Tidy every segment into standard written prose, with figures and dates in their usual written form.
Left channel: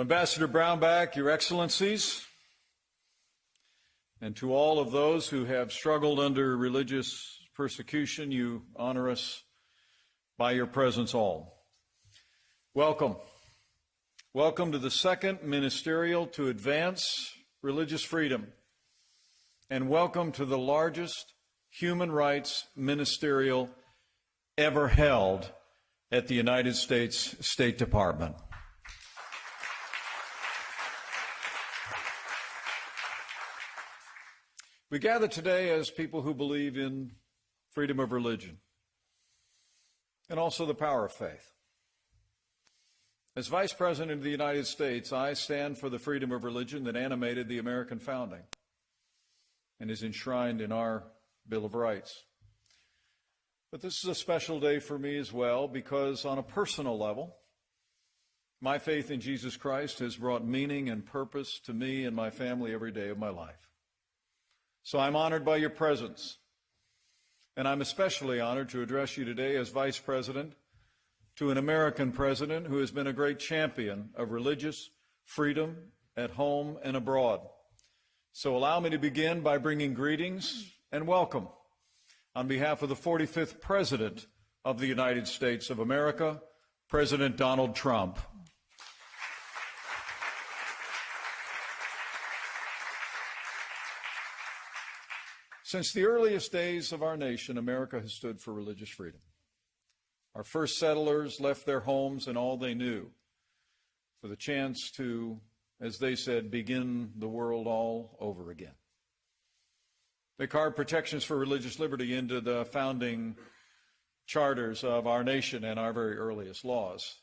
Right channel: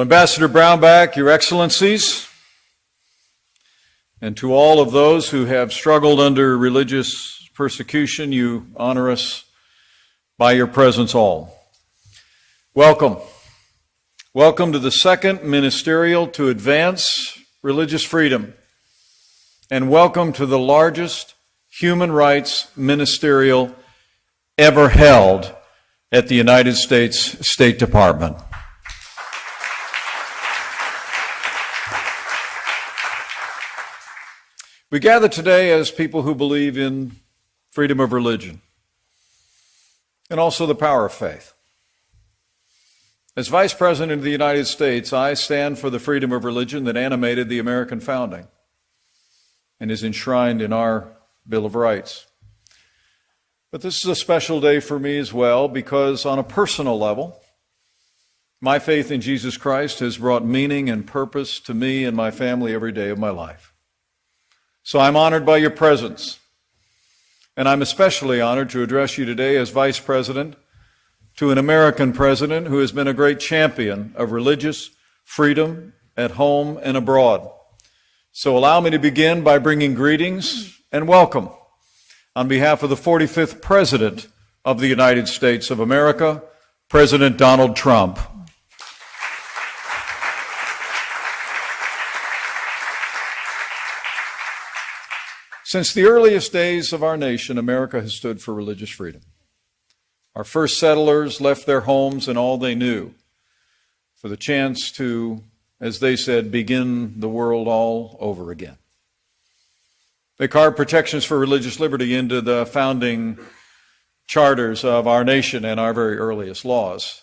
Well, Ambassador Brownback, Your Excellencies, and to all of those who have struggled under religious persecution, you honor us by your presence all. Welcome. Welcome to the second ministerial to advance religious freedom, and welcome to the largest human rights ministerial ever held at the United States State Department. We gather today as people who believe in freedom of religion and also the power of faith. As Vice President of the United States, I stand for the freedom of religion that animated the American founding and is enshrined in our Bill of Rights. But this is a special day for me as well because on a personal level, my faith in Jesus Christ has brought meaning and purpose to me and my family every day of my life. So I'm honored by your presence, and I'm especially honored to address you today as Vice President to an American president who has been a great champion of religious freedom at home and abroad. So allow me to begin by bringing greetings and welcome on behalf of the 45th President of the United States of America, President Donald Trump. Since the earliest days of our nation, America has stood for religious freedom. Our first settlers left their homes and all they knew for the chance to, as they said, begin the world all over again. They carved protections for religious liberty into the founding charters of our nation and our very earliest laws.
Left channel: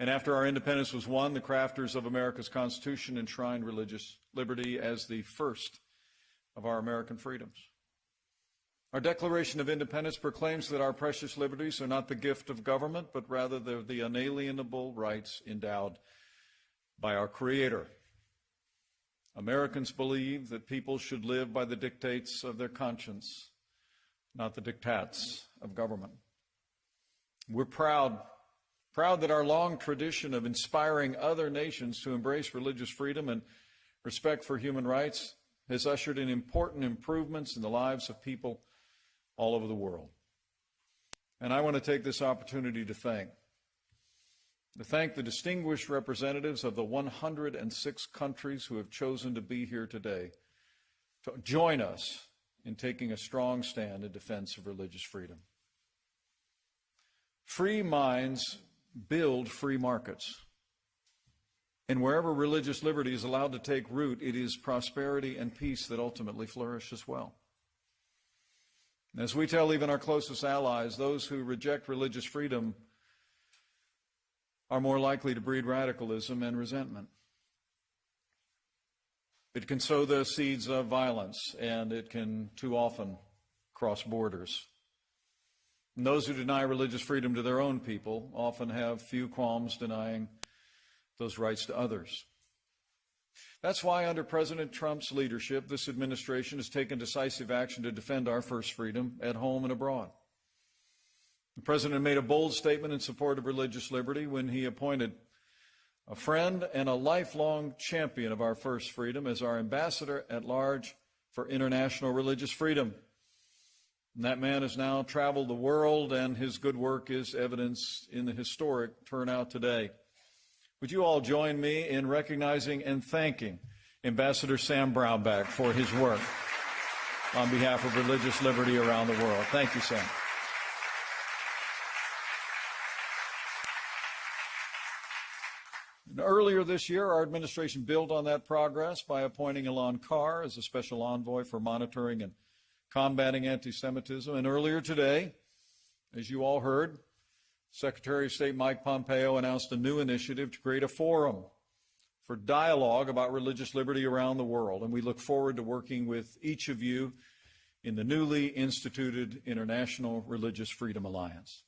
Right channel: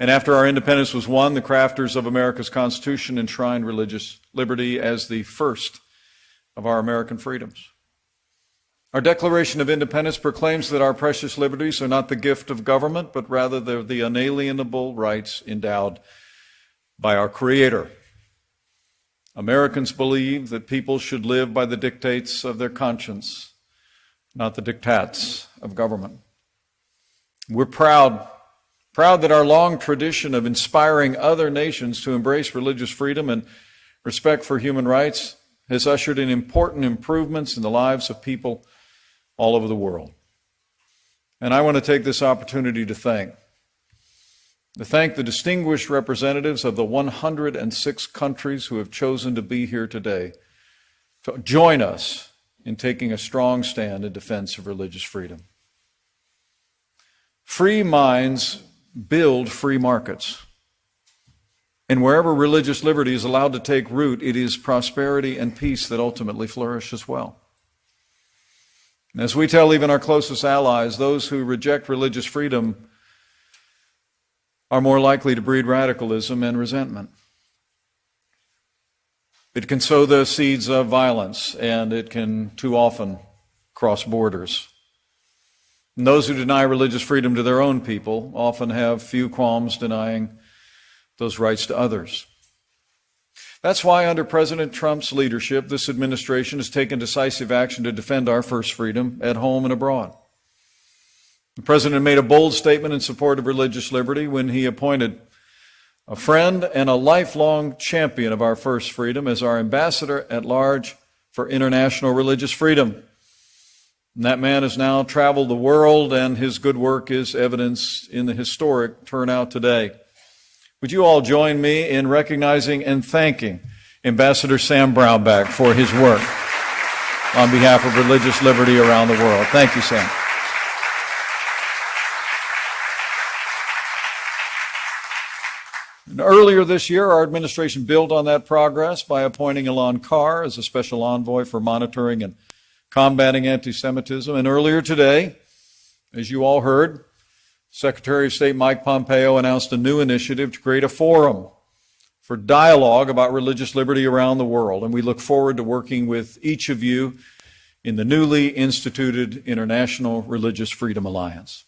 And after our independence was won, the crafters of America's Constitution enshrined religious liberty as the first of our American freedoms. Our Declaration of Independence proclaims that our precious liberties are not the gift of government, but rather they're the unalienable rights endowed by our Creator. Americans believe that people should live by the dictates of their conscience, not the diktats of government. We're proud that our long tradition of inspiring other nations to embrace religious freedom and respect for human rights has ushered in important improvements in the lives of people all over the world. And I want to take this opportunity to thank the distinguished representatives of the 106 countries who have chosen to be here today to join us in taking a strong stand in defense of religious freedom. Free minds build free markets. And wherever religious liberty is allowed to take root, it is prosperity and peace that ultimately flourish as well. And as we tell even our closest allies, those who reject religious freedom are more likely to breed radicalism and resentment. It can sow the seeds of violence, and it can too often cross borders. And those who deny religious freedom to their own people often have few qualms denying those rights to others. That's why under President Trump's leadership, this administration has taken decisive action to defend our first freedom at home and abroad. The President made a bold statement in support of religious liberty when he appointed a friend and a lifelong champion of our first freedom as our ambassador at large for international religious freedom. And that man has now traveled the world, and his good work is evidenced in the historic turnout today. Would you all join me in recognizing and thanking Ambassador Sam Brownback for his work on behalf of religious liberty around the world? Thank you, Sam. And earlier this year, our administration built on that progress by appointing Elan Carr as a special envoy for monitoring and combating anti-Semitism. And earlier today, as you all heard, Secretary of State Mike Pompeo announced a new initiative to create a forum for dialogue about religious liberty around the world, and we look forward to working with each of you in the newly instituted International Religious Freedom Alliance.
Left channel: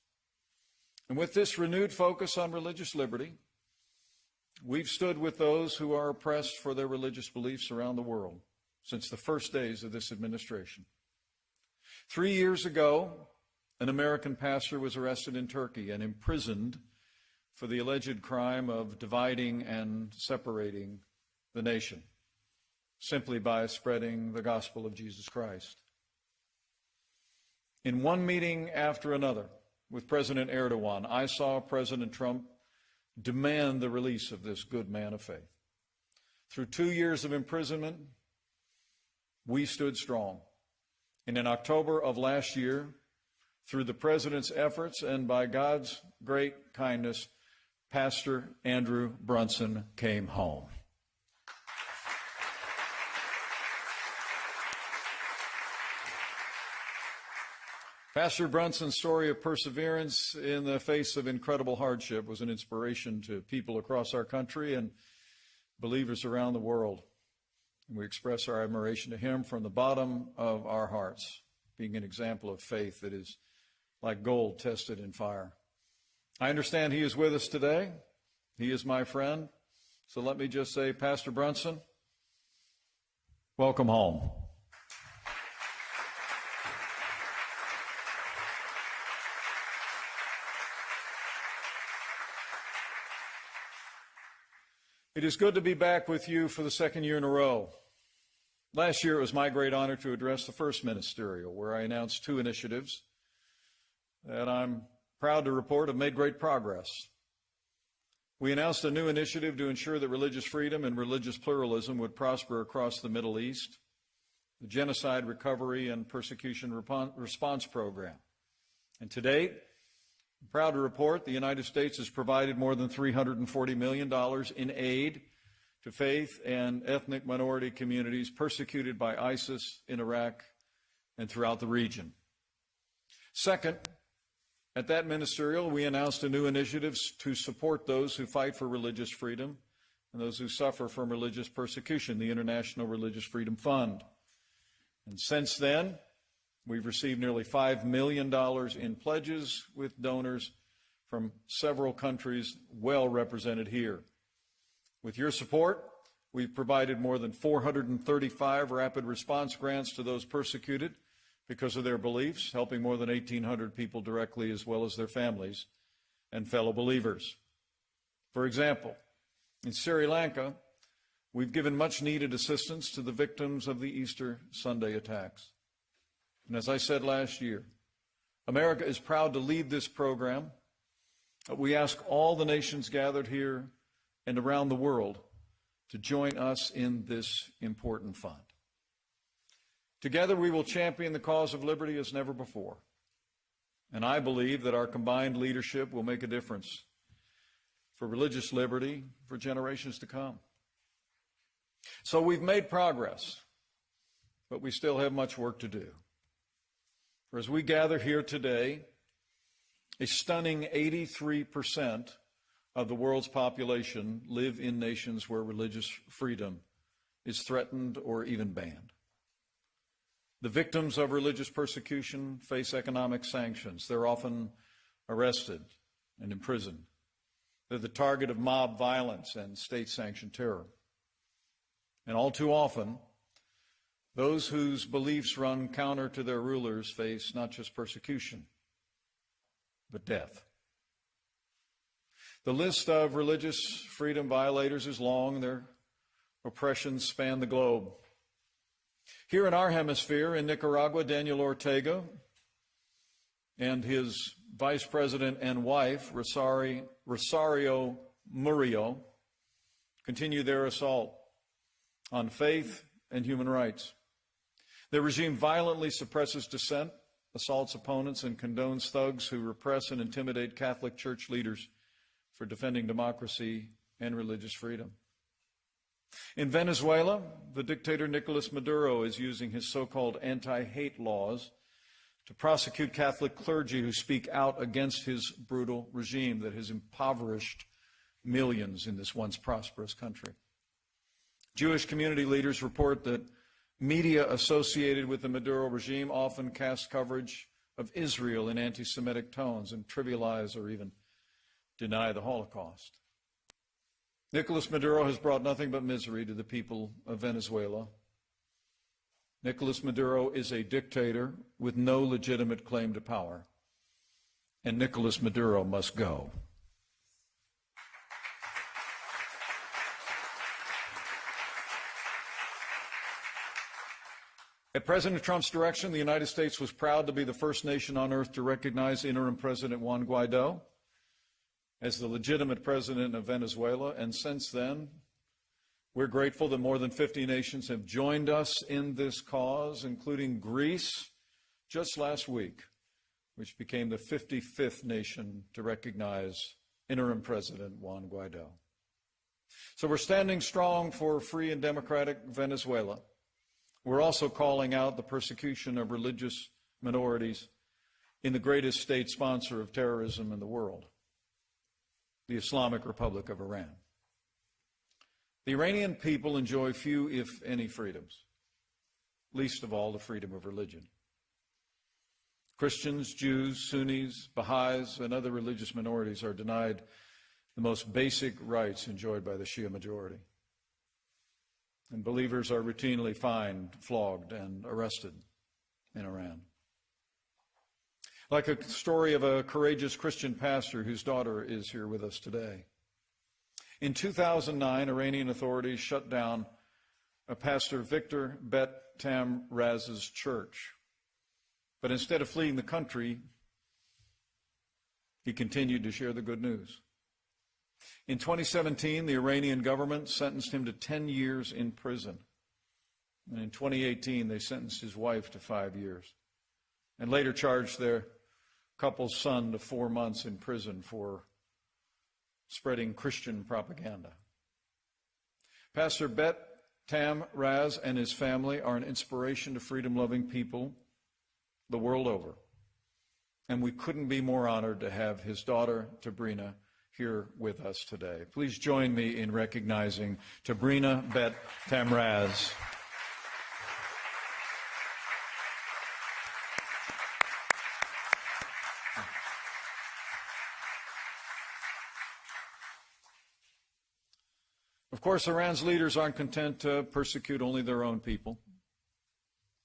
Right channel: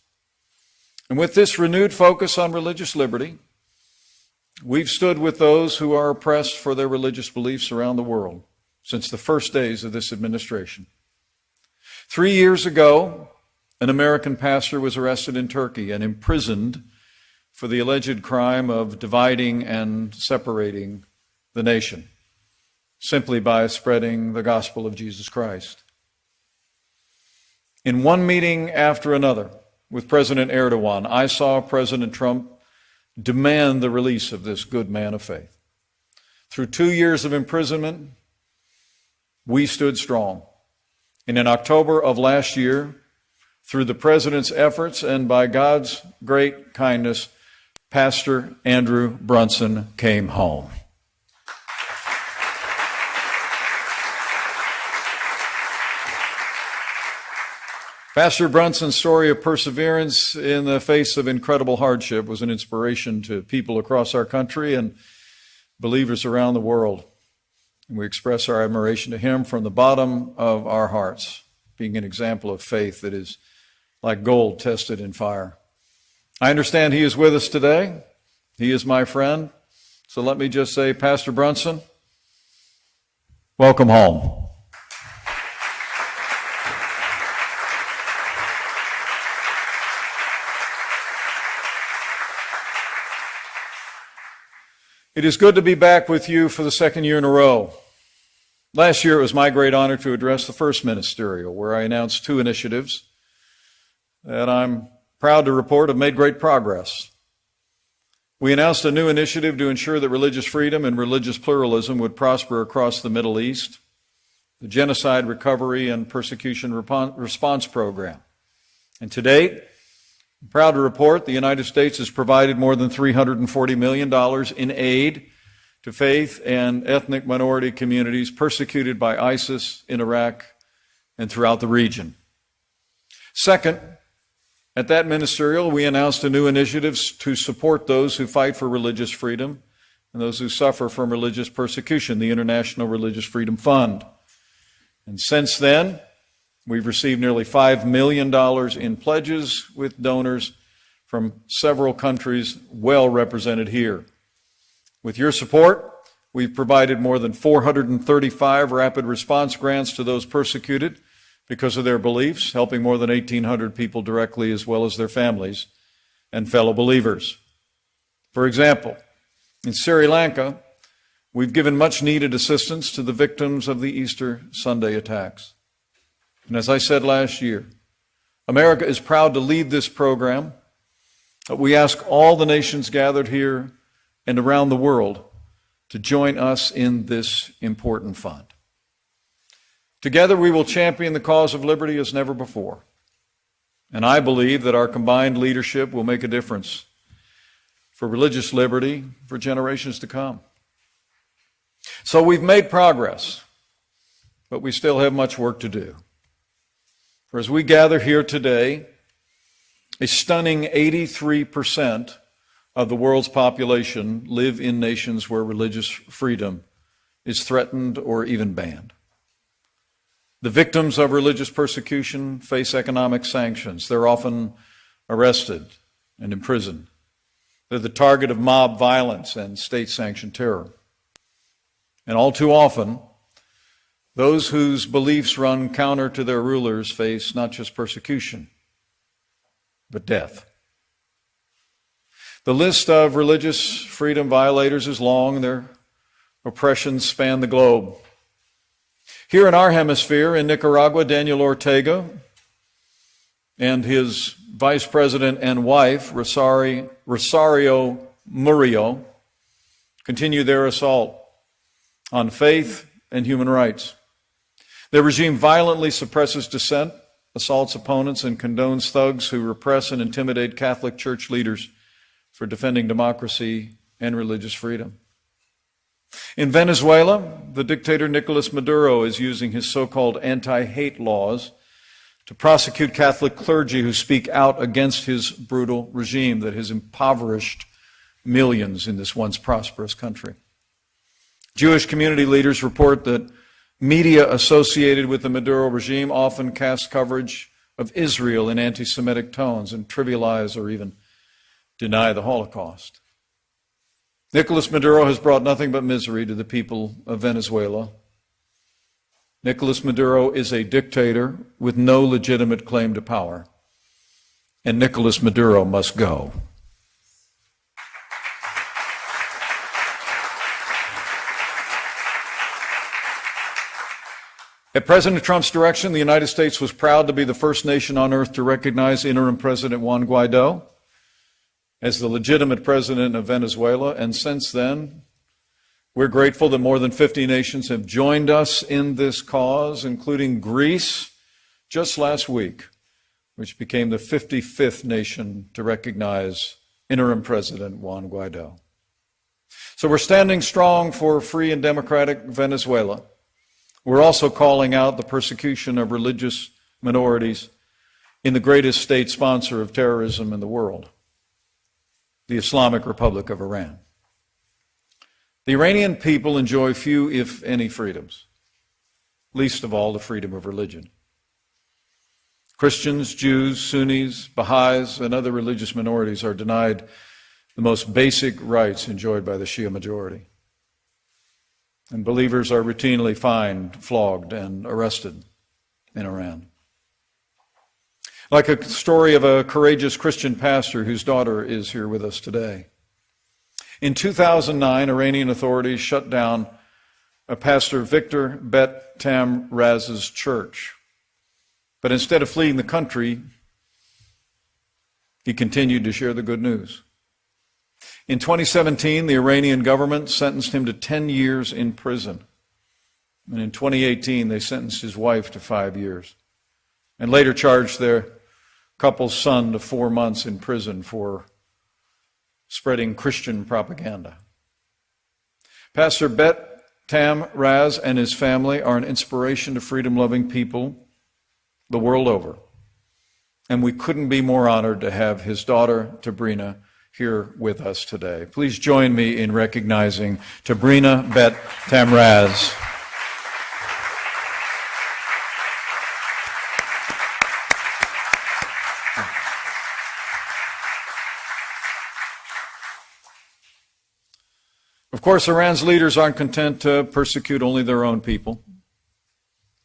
And with this renewed focus on religious liberty, we've stood with those who are oppressed for their religious beliefs around the world since the first days of this administration. 3 years ago, an American pastor was arrested in Turkey and imprisoned for the alleged crime of dividing and separating the nation simply by spreading the gospel of Jesus Christ. In one meeting after another with President Erdogan, I saw President Trump demand the release of this good man of faith. Through 2 years of imprisonment, we stood strong. And in October of last year, through the president's efforts and by God's great kindness, Pastor Andrew Brunson came home. Pastor Brunson's story of perseverance in the face of incredible hardship was an inspiration to people across our country and believers around the world. And we express our admiration to him from the bottom of our hearts, being an example of faith that is like gold tested in fire. I understand he is with us today. He is my friend. So let me just say, Pastor Brunson, welcome home. It is good to be back with you for the second year in a row. Last year, it was my great honor to address the first ministerial, where I announced 2 initiatives that I'm proud to report have made great progress. We announced a new initiative to ensure that religious freedom and religious pluralism would prosper across the Middle East, the Genocide Recovery and Persecution Response Program. And to date, I'm proud to report the United States has provided more than $340 million in aid to faith and ethnic minority communities persecuted by ISIS in Iraq and throughout the region. Second, at that ministerial, we announced a new initiative to support those who fight for religious freedom and those who suffer from religious persecution, the International Religious Freedom Fund. And since then, we've received nearly $5 million in pledges with donors from several countries well represented here. With your support, we've provided more than 435 rapid response grants to those persecuted because of their beliefs, helping more than 1,800 people directly as well as their families and fellow believers. For example, in Sri Lanka, we've given much needed assistance to the victims of the Easter Sunday attacks. And as I said last year, America is proud to lead this program. We ask all the nations gathered here and around the world to join us in this important fund. Together, we will champion the cause of liberty as never before. And I believe that our combined leadership will make a difference for religious liberty for generations to come. So we've made progress, but we still have much work to do. For as we gather here today, a stunning 83% of the world's population live in nations where religious freedom is threatened or even banned. The victims of religious persecution face economic sanctions. They're often arrested and imprisoned. They're the target of mob violence and state-sanctioned terror. And all too often, those whose beliefs run counter to their rulers face not just persecution, but death. The list of religious freedom violators is long. Their oppressions span the globe. Here in our hemisphere, in Nicaragua, Daniel Ortega and his vice president and wife, Rosario Murillo, continue their assault on faith and human rights. Their regime violently suppresses dissent, assaults opponents, and condones thugs who repress and intimidate Catholic Church leaders for defending democracy and religious freedom. In Venezuela, the dictator Nicolas Maduro is using his so-called anti-hate laws to prosecute Catholic clergy who speak out against his brutal regime that has impoverished millions in this once prosperous country. Jewish community leaders report that media associated with the Maduro regime often cast coverage of Israel in anti-Semitic tones and trivialize or even deny the Holocaust. Nicolas Maduro has brought nothing but misery to the people of Venezuela. Nicolas Maduro is a dictator with no legitimate claim to power, and Nicolas Maduro must go. At President Trump's direction, the United States was proud to be the first nation on earth to recognize interim President Juan Guaido as the legitimate president of Venezuela. And since then, we're grateful that more than 50 nations have joined us in this cause, including Greece just last week, which became the 55th nation to recognize interim President Juan Guaido. So we're standing strong for a free and democratic Venezuela. We're also calling out the persecution of religious minorities in the greatest state sponsor of terrorism in the world, the Islamic Republic of Iran. The Iranian people enjoy few, if any, freedoms, least of all the freedom of religion. Christians, Jews, Sunnis, Baha'is, and other religious minorities are denied the most basic rights enjoyed by the Shia majority. And believers are routinely fined, flogged, and arrested in Iran. Like a story of a courageous Christian pastor whose daughter is here with us today. In 2009, Iranian authorities shut down Pastor Victor Bet Tamraz's church. But instead of fleeing the country, he continued to share the good news. In 2017, the Iranian government sentenced him to 10 years in prison. And in 2018, they sentenced his wife to 5 years. And later charged their couple's son to 4 months in prison for spreading Christian propaganda. Pastor Bet Tamraz and his family are an inspiration to freedom-loving people the world over. And we couldn't be more honored to have his daughter, Tabrina, here with us today. Please join me in recognizing Tabrina Bet Tamraz. Of course, Iran's leaders aren't content to persecute only their own people.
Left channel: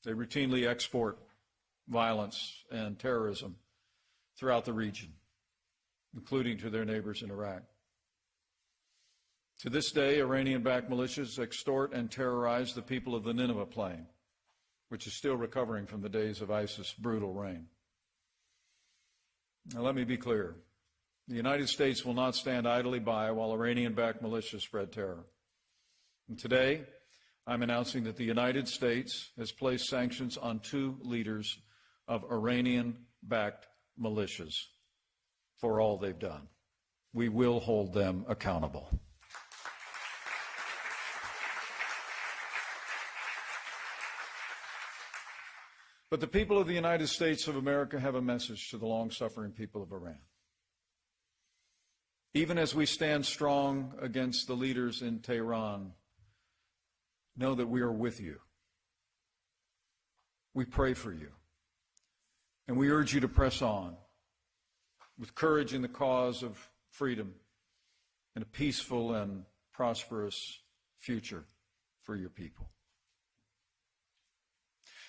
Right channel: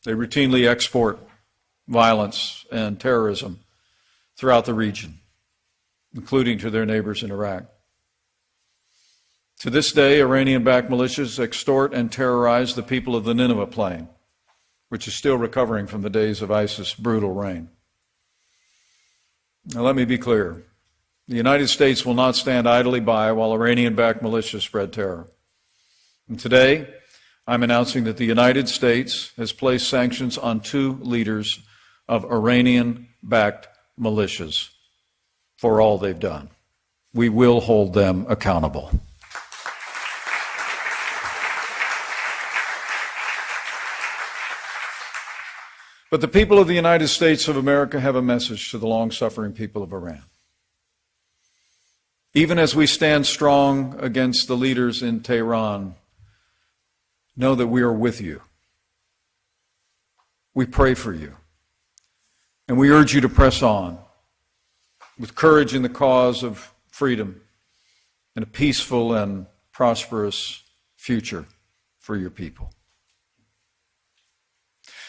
They routinely export violence and terrorism throughout the region, including to their neighbors in Iraq. To this day, Iranian-backed militias extort and terrorize the people of the Nineveh Plain, which is still recovering from the days of ISIS' brutal reign. Now, let me be clear. The United States will not stand idly by while Iranian-backed militias spread terror. And today, I'm announcing that the United States has placed sanctions on 2 leaders of Iranian-backed militias for all they've done. We will hold them accountable. But the people of the United States of America have a message to the long-suffering people of Iran. Even as we stand strong against the leaders in Tehran, know that we are with you. We pray for you. And we urge you to press on with courage in the cause of freedom and a peaceful and prosperous future for your people.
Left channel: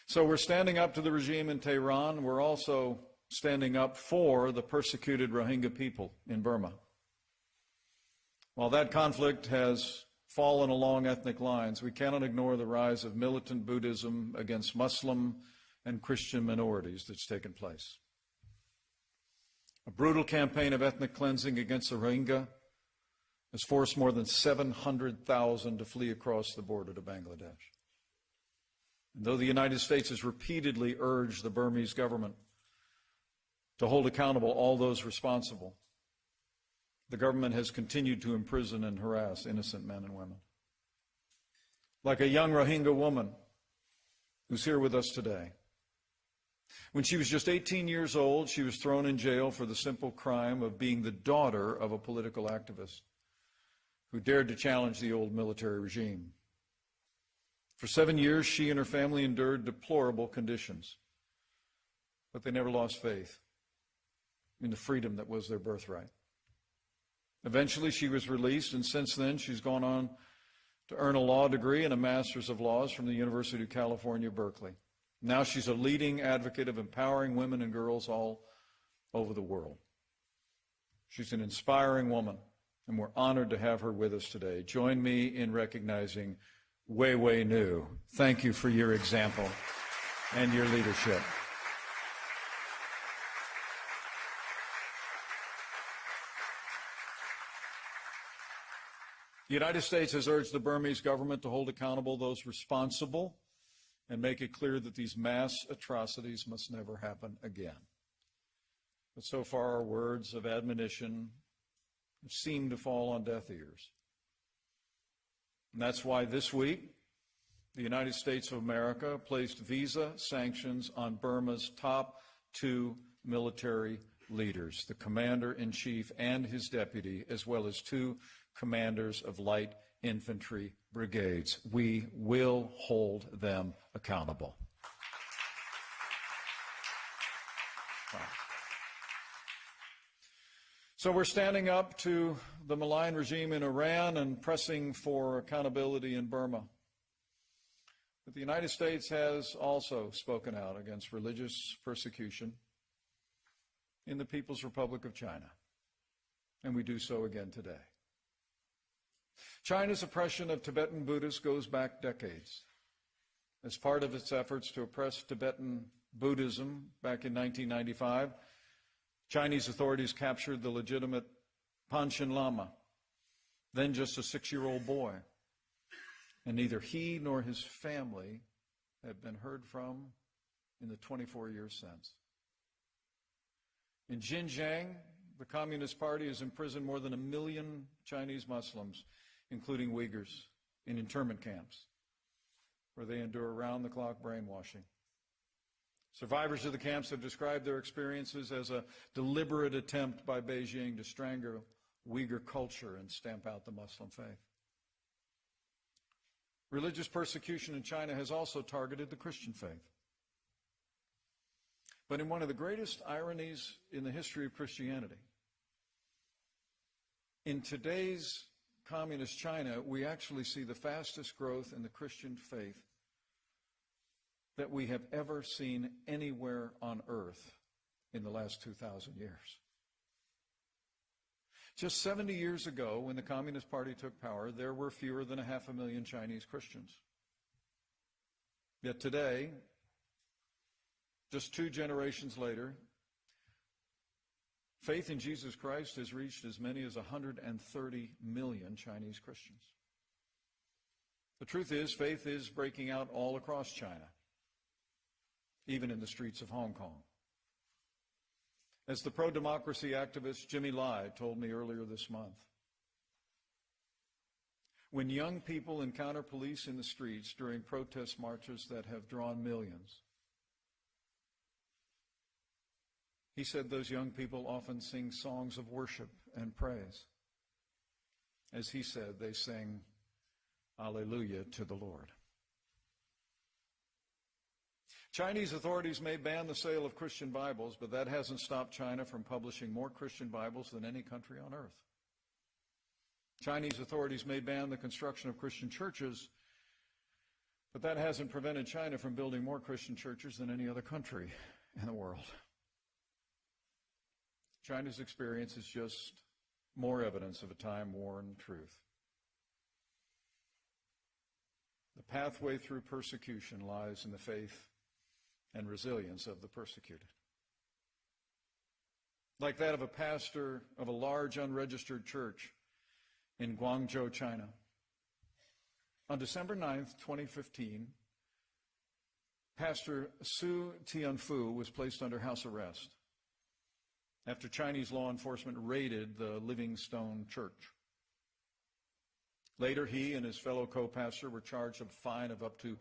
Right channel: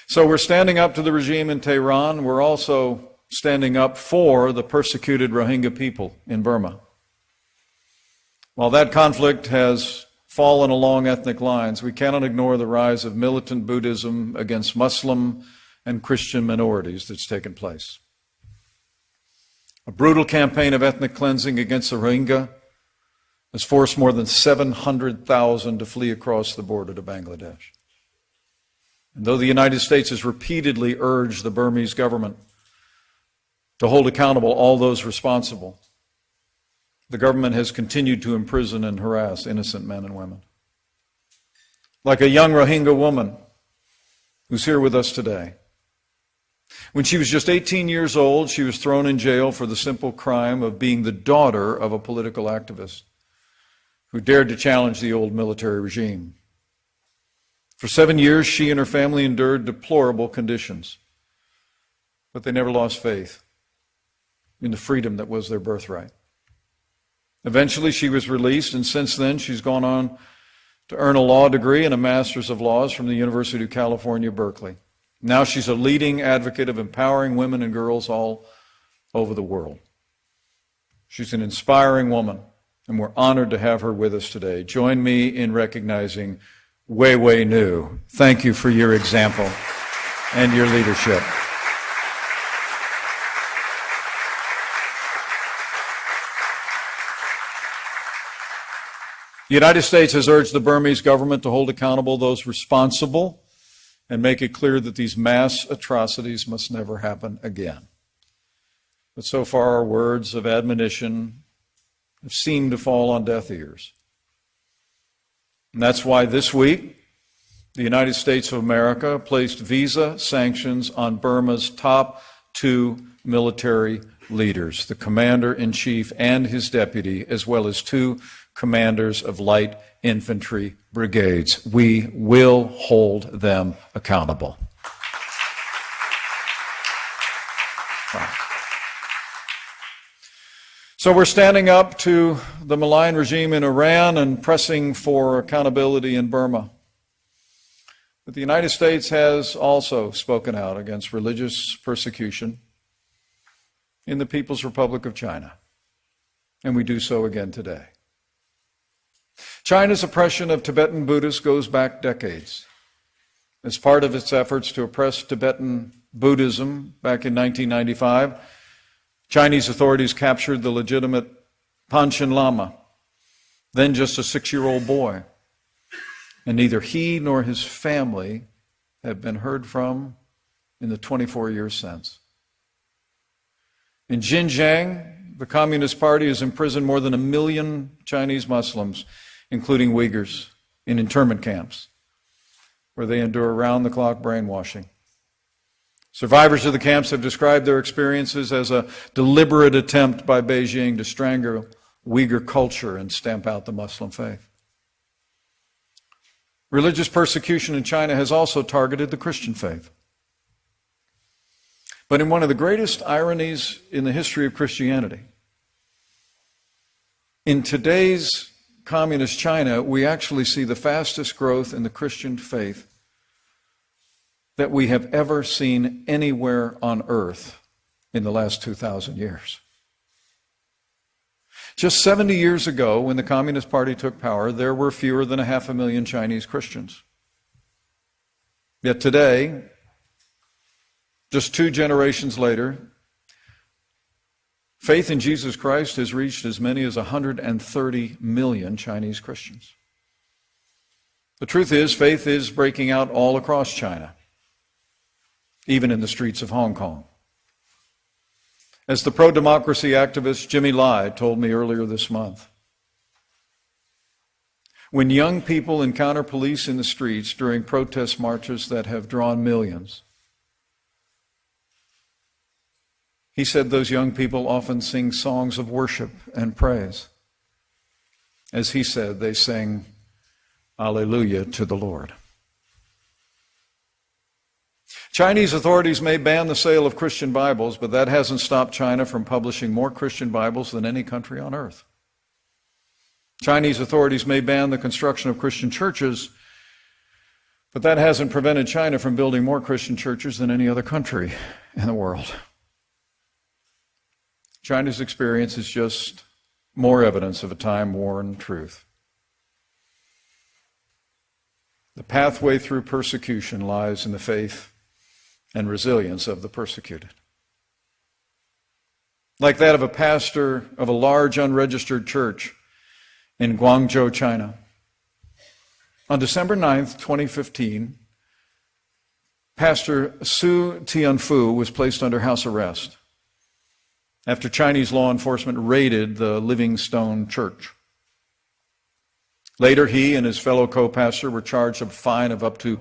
So we're standing up to the regime in Tehran. We're also standing up for the persecuted Rohingya people in Burma. While that conflict has fallen along ethnic lines, we cannot ignore the rise of militant Buddhism against Muslim and Christian minorities that's taken place. A brutal campaign of ethnic cleansing against the Rohingya has forced more than 700,000 to flee across the border to Bangladesh. And though the United States has repeatedly urged the Burmese government to hold accountable all those responsible, the government has continued to imprison and harass innocent men and women. Like a young Rohingya woman who's here with us today. When she was just 18 years old, she was thrown in jail for the simple crime of being the daughter of a political activist who dared to challenge the old military regime. For 7 years, she and her family endured deplorable conditions, but they never lost faith in the freedom that was their birthright. Eventually, she was released, and since then, she's gone on to earn a law degree and a master's of laws from the University of California, Berkeley. Now she's a leading advocate of empowering women and girls all over the world. She's an inspiring woman, and we're honored to have her with us today. Join me in recognizing Wei Wei Nu. Thank you for your example. and your leadership. The United States has urged the Burmese government to hold accountable those responsible and make it clear that these mass atrocities must never happen again. But so far, our words of admonition have seemed to fall on deaf ears. And that's why this week, the United States of America placed visa sanctions on Burma's top two military leaders, the commander-in-chief and his deputy, as well as two commanders of light infantry brigades. We will hold them accountable. So we're standing up to the malign regime in Iran and pressing for accountability in Burma. But the United States has also spoken out against religious persecution in the People's Republic of China, and we do so again today. China's oppression of Tibetan Buddhists goes back decades. As part of its efforts to oppress Tibetan Buddhism back in 1995, Chinese authorities captured the legitimate Panchen Lama, then just a 6-year-old boy, and neither he nor his family have been heard from in the 24 years since. In Xinjiang, the Communist Party has imprisoned more than 1 million Chinese Muslims, including Uyghurs, in internment camps, where they endure round-the-clock brainwashing. Survivors of the camps have described their experiences as a deliberate attempt by Beijing to strangle Uyghur culture and stamp out the Muslim faith. Religious persecution in China has also targeted the Christian faith. But in one of the greatest ironies in the history of Christianity, in today's communist China, we actually see the fastest growth in the Christian faith that we have ever seen anywhere on earth in the last 2,000 years. Just 70 years ago, when the Communist Party took power, there were fewer than 500,000 Chinese Christians. Yet today, just 2 generations later, faith in Jesus Christ has reached as many as 130 million Chinese Christians. The truth is, faith is breaking out all across China, even in the streets of Hong Kong. As the pro-democracy activist Jimmy Lai told me earlier this month, when young people encounter police in the streets during protest marches that have drawn millions, he said those young people often sing songs of worship and praise. As he said, they sing Alleluia to the Lord. Chinese authorities may ban the sale of Christian Bibles, but that hasn't stopped China from publishing more Christian Bibles than any country on earth. Chinese authorities may ban the construction of Christian churches, but that hasn't prevented China from building more Christian churches than any other country in the world. China's experience is just more evidence of a time-worn truth. The pathway through persecution lies in the faith and resilience of the persecuted. Like that of a pastor of a large unregistered church in Guangzhou, China. On December 9th, 2015, Pastor Su Tianfu was placed under house arrest after Chinese law enforcement raided the Living Stone Church. Later, he and his fellow co-pastor were charged a fine of up to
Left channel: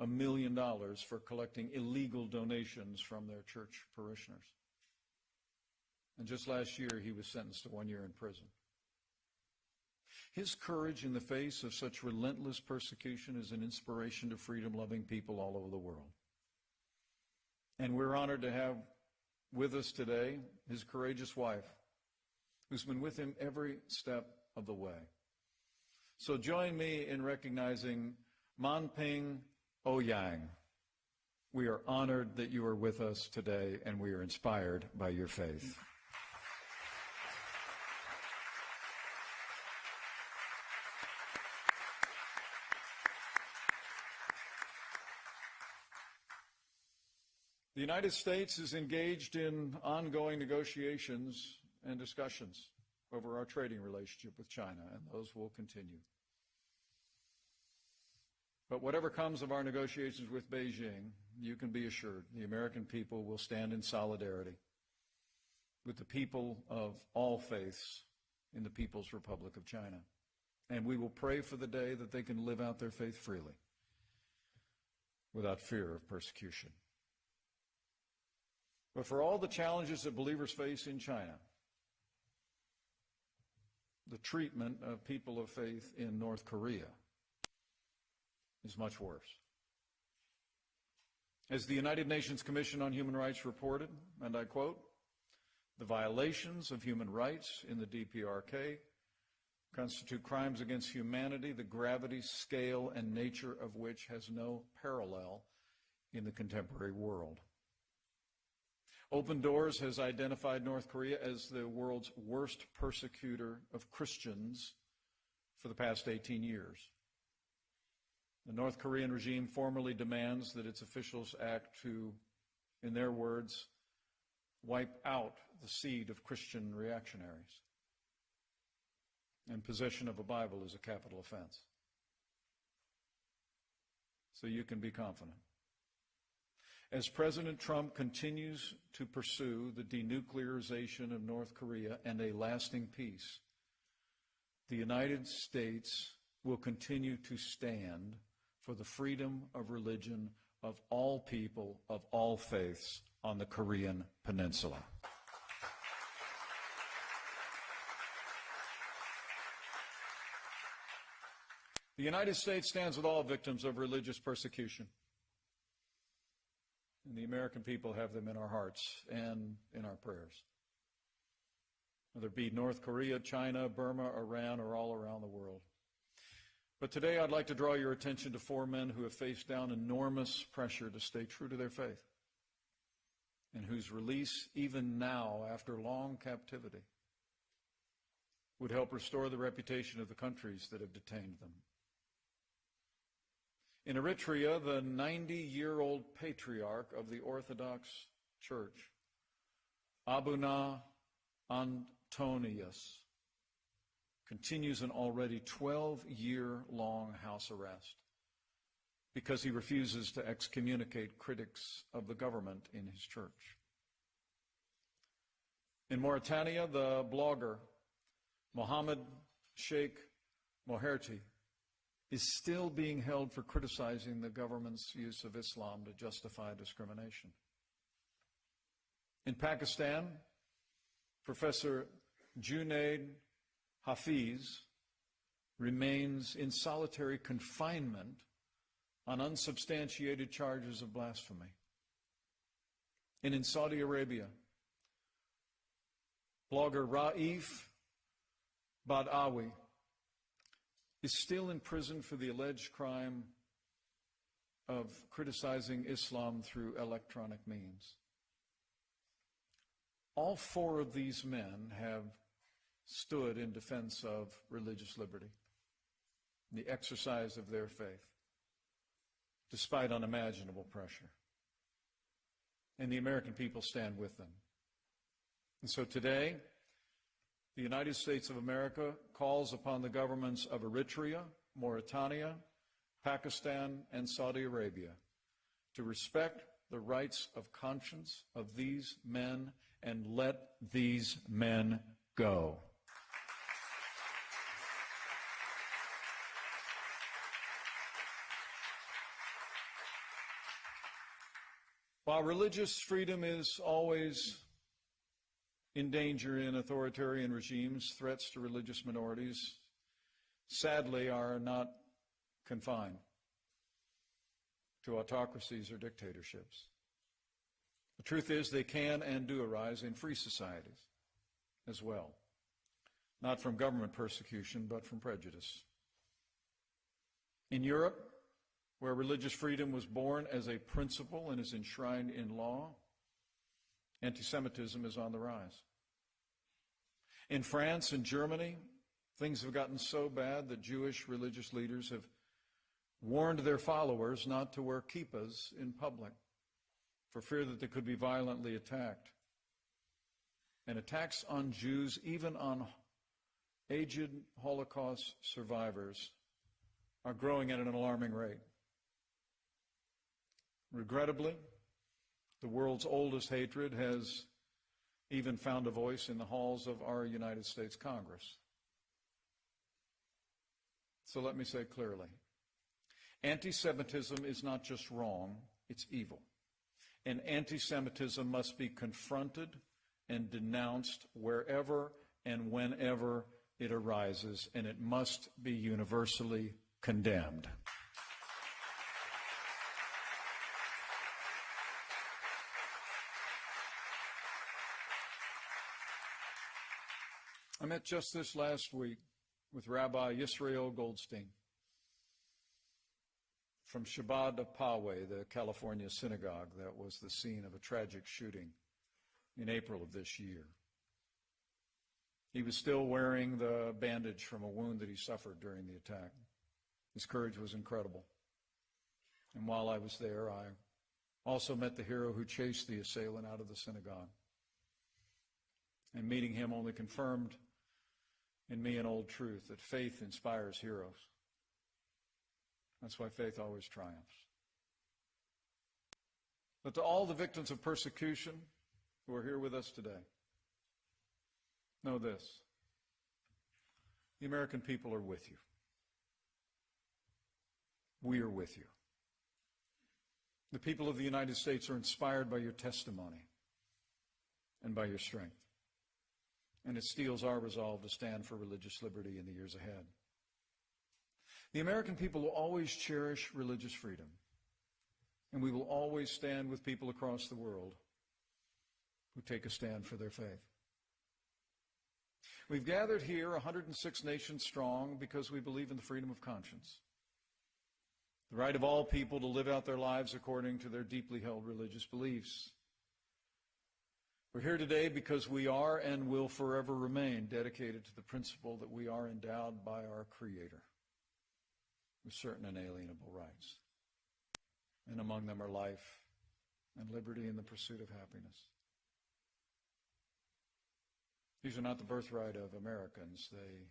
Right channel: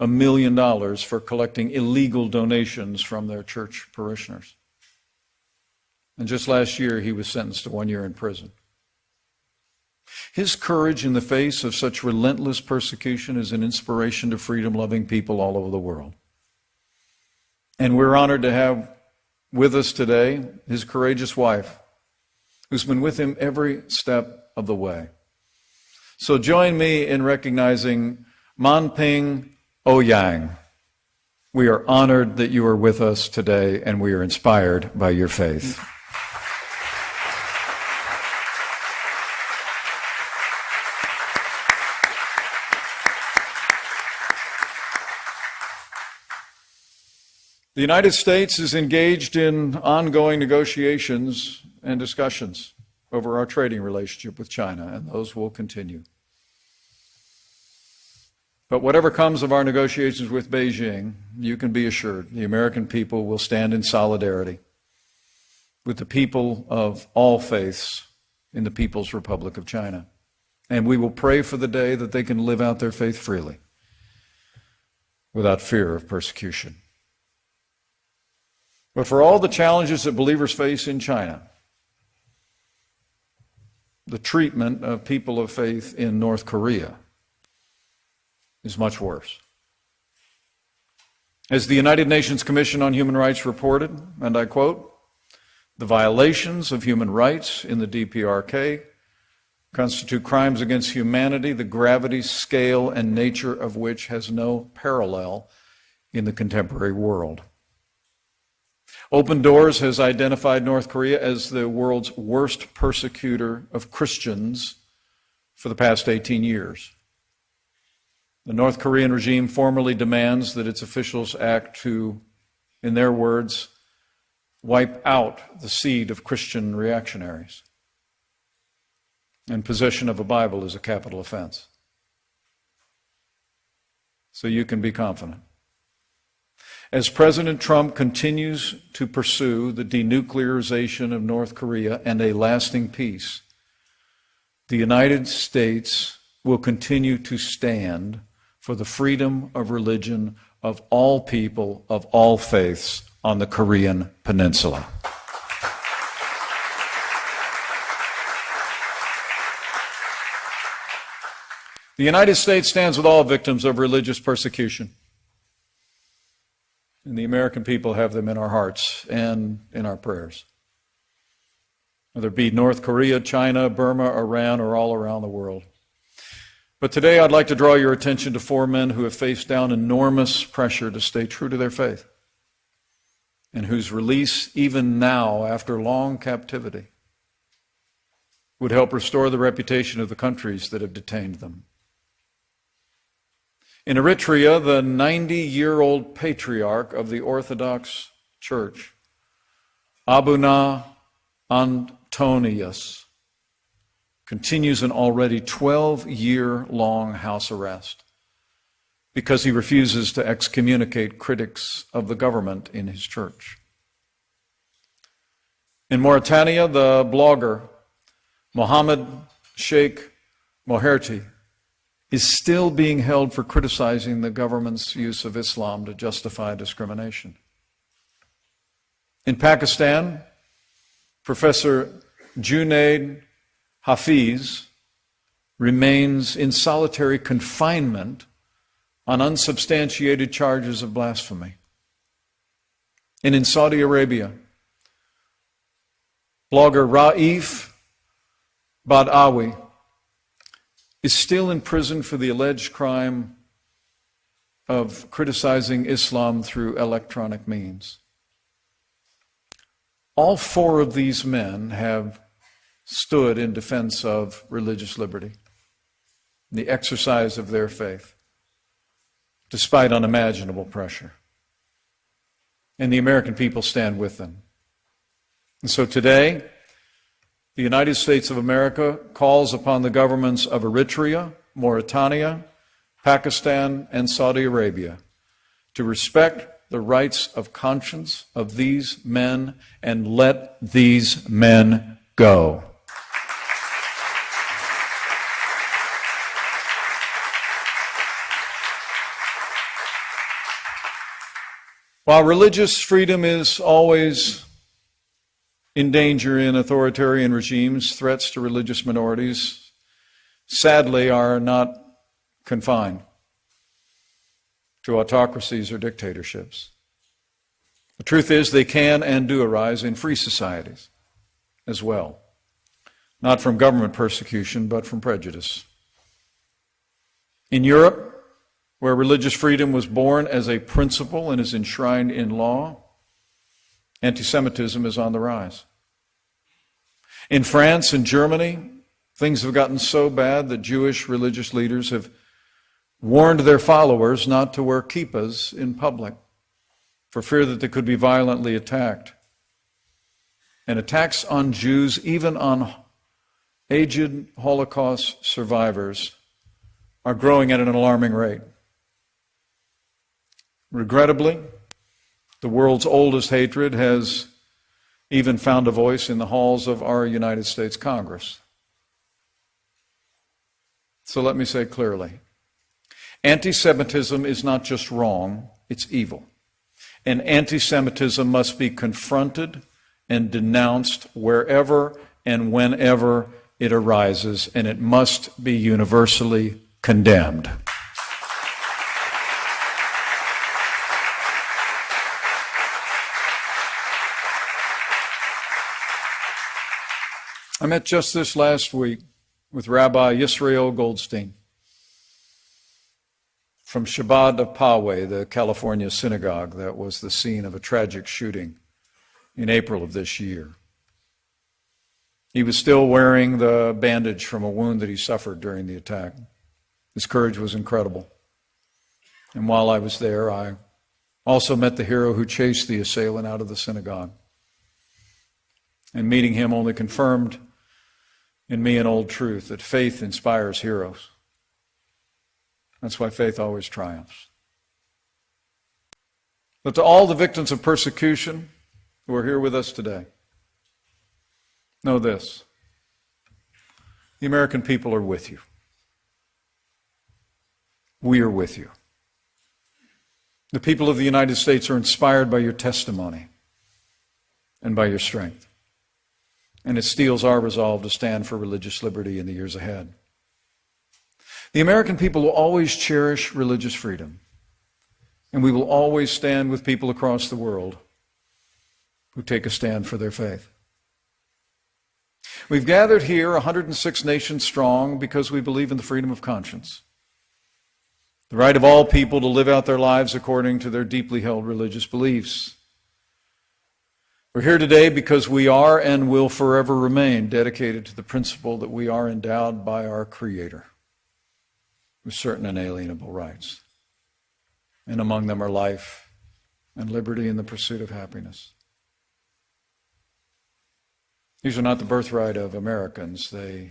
$1 million for collecting illegal donations from their church parishioners. And just last year, he was sentenced to 1 year in prison. His courage in the face of such relentless persecution is an inspiration to freedom-loving people all over the world. And we're honored to have with us today his courageous wife, who's been with him every step of the way. So join me in recognizing Manping Ouyang. We are honored that you are with us today, and we are inspired by your faith. The United States is engaged in ongoing negotiations and discussions over our trading relationship with China, and those will continue. But whatever comes of our negotiations with Beijing, you can be assured the American people will stand in solidarity with the people of all faiths in the People's Republic of China. And we will pray for the day that they can live out their faith freely without fear of persecution. But for all the challenges that believers face in China, the treatment of people of faith in North Korea is much worse. As the United Nations Commission on Human Rights reported, and I quote, "The violations of human rights in the DPRK constitute crimes against humanity, the gravity, scale, and nature of which has no parallel in the contemporary world." Open Doors has identified North Korea as the world's worst persecutor of Christians for the past 18 years. The North Korean regime formally demands that its officials act to, in their words, wipe out the seed of Christian reactionaries. And possession of a Bible is a capital offense. So you can be confident. As President Trump continues to pursue the denuclearization of North Korea and a lasting peace, the United States will continue to stand for the freedom of religion of all people of all faiths on the Korean Peninsula. The United States stands with all victims of religious persecution. And the American people have them in our hearts and in our prayers. Whether it be North Korea, China, Burma, Iran, or all around the world. But today I'd like to draw your attention to 4 men who have faced down enormous pressure to stay true to their faith, and whose release, even now, after long captivity, would help restore the reputation of the countries that have detained them. In Eritrea, the 90-year-old patriarch of the Orthodox Church, Abuna Antonius, continues an already 12-year-long house arrest because he refuses to excommunicate critics of the government in his church. In Mauritania, the blogger Mohammed Sheikh Moherti is still being held for criticizing the government's use of Islam to justify discrimination. In Pakistan, Professor Junaid Hafiz remains in solitary confinement on unsubstantiated charges of blasphemy. And in Saudi Arabia, blogger Raif Badawi is still in prison for the alleged crime of criticizing Islam through electronic means. All 4 of these men have stood in defense of religious liberty, the exercise of their faith, despite unimaginable pressure. And the American people stand with them. And so today, the United States of America calls upon the governments of Eritrea, Mauritania, Pakistan, and Saudi Arabia to respect the rights of conscience of these men and let these men go. While religious freedom is always in danger in authoritarian regimes, threats to religious minorities, sadly, are not confined to autocracies or dictatorships. The truth is, they can and do arise in free societies as well, not from government persecution, but from prejudice. In Europe, where religious freedom was born as a principle and is enshrined in law, anti-Semitism is on the rise. In France and Germany, things have gotten so bad that Jewish religious leaders have warned their followers not to wear kippahs in public for fear that they could be violently attacked. And attacks on Jews, even on aged Holocaust survivors, are growing at an alarming rate. Regrettably, the world's oldest hatred has even found a voice in the halls of our United States Congress. So let me say clearly, anti-Semitism is not just wrong, it's evil. And anti-Semitism must be confronted and denounced wherever and whenever it arises, and it must be universally condemned. I met just this last week with Rabbi Yisrael Goldstein from Chabad of Poway, the California synagogue that was the scene of a tragic shooting in April of this year. He was still wearing the bandage from a wound that he suffered during the attack. His courage was incredible. And while I was there, I also met the hero who chased the assailant out of the synagogue. And meeting him only confirmed in me an old truth, that faith inspires heroes. That's why faith always triumphs. But to all the victims of persecution who are here with us today, know this: the American people are with you. We are with you. The people of the United States are inspired by your testimony and by your strength. And it steels our resolve to stand for religious liberty in the years ahead. The American people will always cherish religious freedom, and we will always stand with people across the world who take a stand for their faith. We've gathered here 106 nations strong because we believe in the freedom of conscience, the right of all people to live out their lives according to their deeply held religious beliefs. We're here today because we are and will forever remain dedicated to the principle that we are endowed by our Creator with certain inalienable rights. And among them are life and liberty and the pursuit of happiness. These are not the birthright of Americans. They're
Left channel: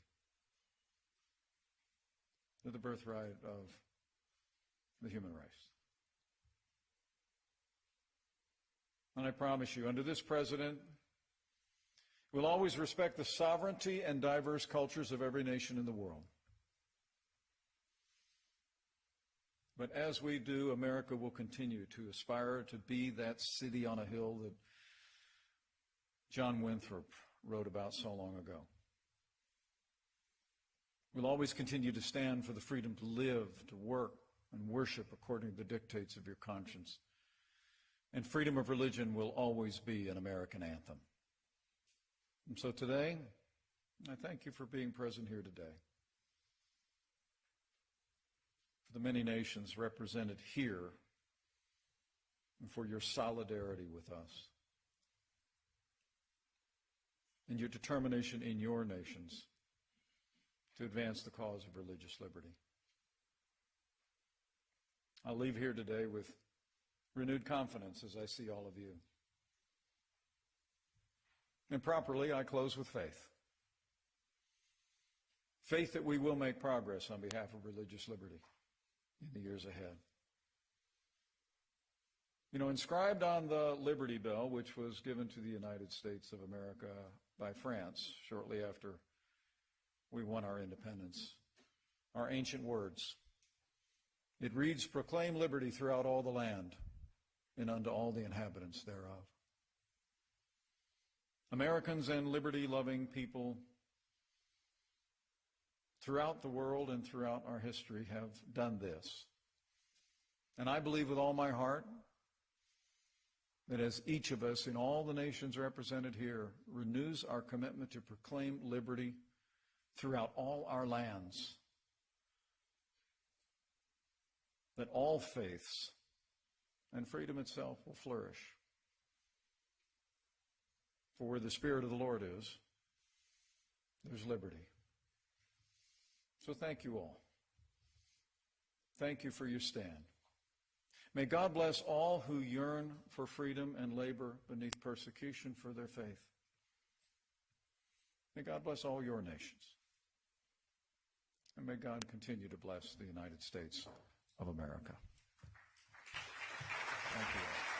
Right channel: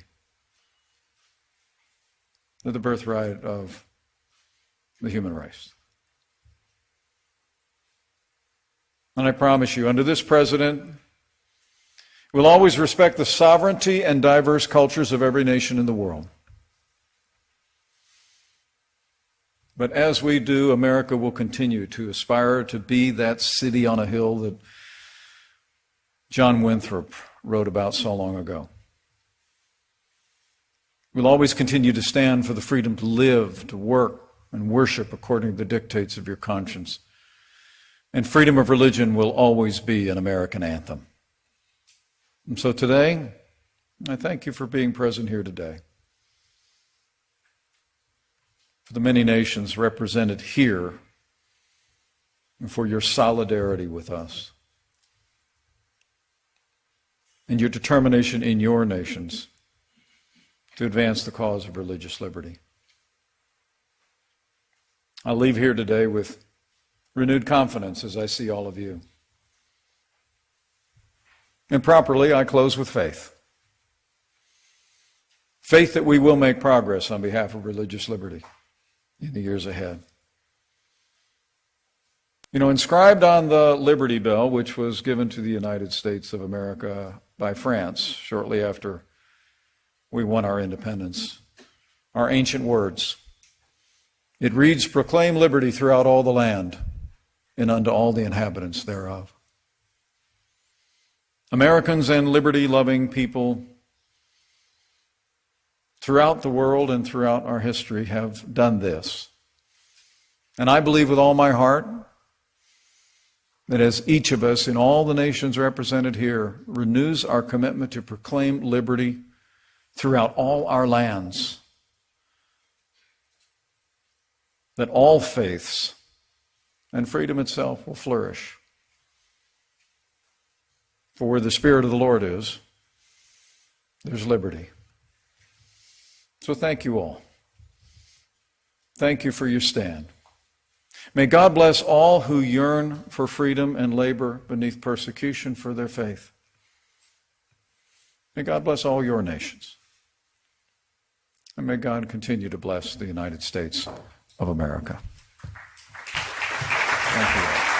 the birthright of the human race. And I promise you, under this president, we'll always respect the sovereignty and diverse cultures of every nation in the world. But as we do, America will continue to aspire to be that city on a hill that John Winthrop wrote about so long ago. We'll always continue to stand for the freedom to live, to work, and worship according to the dictates of your conscience. And freedom of religion will always be an American anthem. And so today, I thank you for being present here today. For the many nations represented here, and for your solidarity with us. And your determination in your nations to advance the cause of religious liberty. I'll leave here today with renewed confidence as I see all of you. And properly, I close with faith. Faith that we will make progress on behalf of religious liberty in the years ahead. You know, inscribed on the Liberty Bell, which was given to the United States of America by France shortly after we won our independence, are ancient words. It reads, "Proclaim liberty throughout all the land, and unto all the inhabitants thereof." Americans and liberty-loving people throughout the world and throughout our history have done this. And I believe with all my heart that as each of us in all the nations represented here renews our commitment to proclaim liberty throughout all our lands, that all faiths and freedom itself will flourish. For where the Spirit of the Lord is, there's liberty. So thank you all. Thank you for your stand. May God bless all who yearn for freedom and labor beneath persecution for their faith. May God bless all your nations. And may God continue to bless the United States of America. Thank you.